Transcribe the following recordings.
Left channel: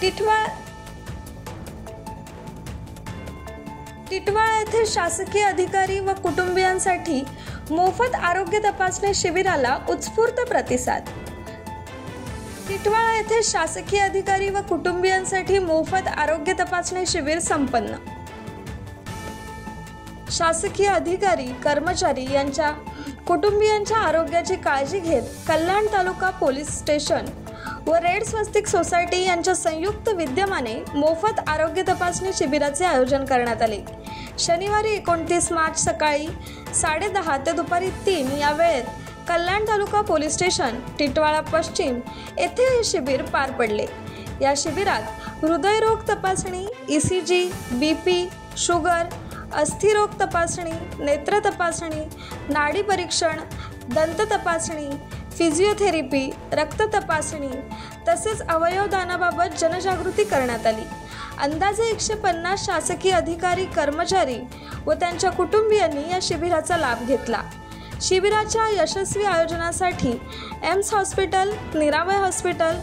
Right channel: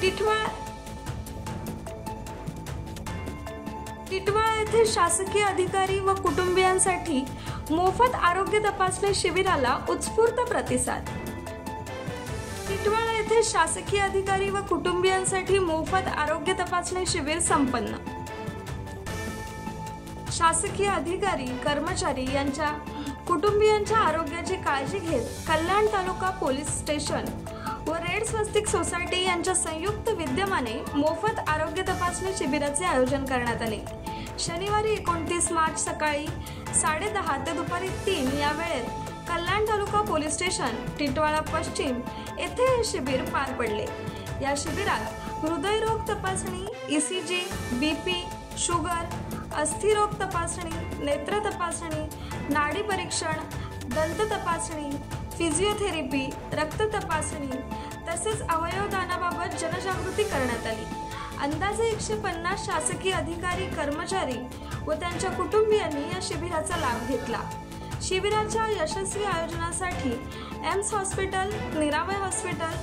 टिटवाळा येथे शासकीय अधिकारी व कुटुंबियांसाठी मोफत आरोग्य तपासणी शिबिराला उत्स्फूर्त प्रतिसाद। टिटवाळा येथे शासकीय अधिकारी व कुटुंबियांसाठी मोफत आरोग्य तपासणी शिबिर संपन्न। शासकीय अधिकारी कर्मचारी यांच्या कुटुंबियांच्या आरोग्याची काळजी घेत कल्याण तालुका पोलीस स्टेशन व रेड स्वस्तिक सोसायटी यांच्या संयुक्त विद्यमाने मोफत आरोग्य तपासणी शिबिराचे आयोजन करण्यात आले। शनिवारी 29 मार्च सकाळी 10:30 ते दुपारी 3 या वेळेत कल्याण तालुका पोलीस स्टेशन टिटवाळा पश्चिम येथे हे शिबिर पार पडले। या शिबिरात हृदयरोग तपासणी, ECG, BP, शुगर, अस्थिरोग तपासणी, नेत्र तपासणी, नाडी परीक्षण, दंत तपासणी, फिजिओथेरपी, रक्त तपासणी तसेच अवयवदानाबाबत जनजागृती करण्यात आली। अंदाजे 150 शासकीय अधिकारी कर्मचारी व त्यांच्या कुटुंबियांनी या शिबिराचा लाभ घेतला। शिबिराच्या यशस्वी आयोजनासाठी AIIMS hospital, Niravay hospital,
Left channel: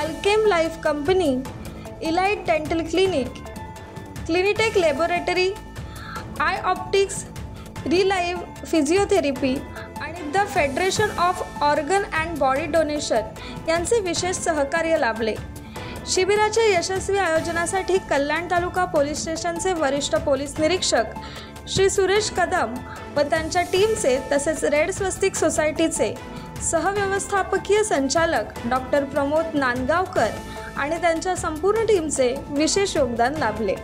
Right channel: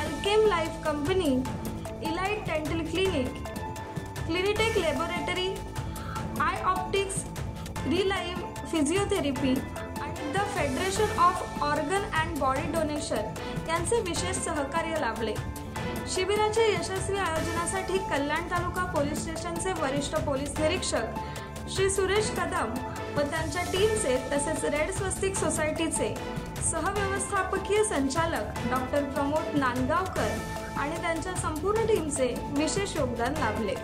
Alkem life company, elite dental clinic, Clinitech laboratory, eye optics, relive physiotherapy आणि the federation of organ and body donation यांचे विशेष सहकार्य लाभले। शिबिराच्या यशस्वी आयोजनासाठी कल्याण तालुका पोलीस स्टेशनचे वरिष्ठ पोलीस निरीक्षक श्री सुरेश कदम व त्यांच्या टीमचे तसेच रेड स्वस्तिक सोसायटीचे सहव्यवस्थापकीय संचालक डॉक्टर प्रमोद नांदगावकर आणि त्यांच्या संपूर्ण टीमचे विशेष योगदान लाभले।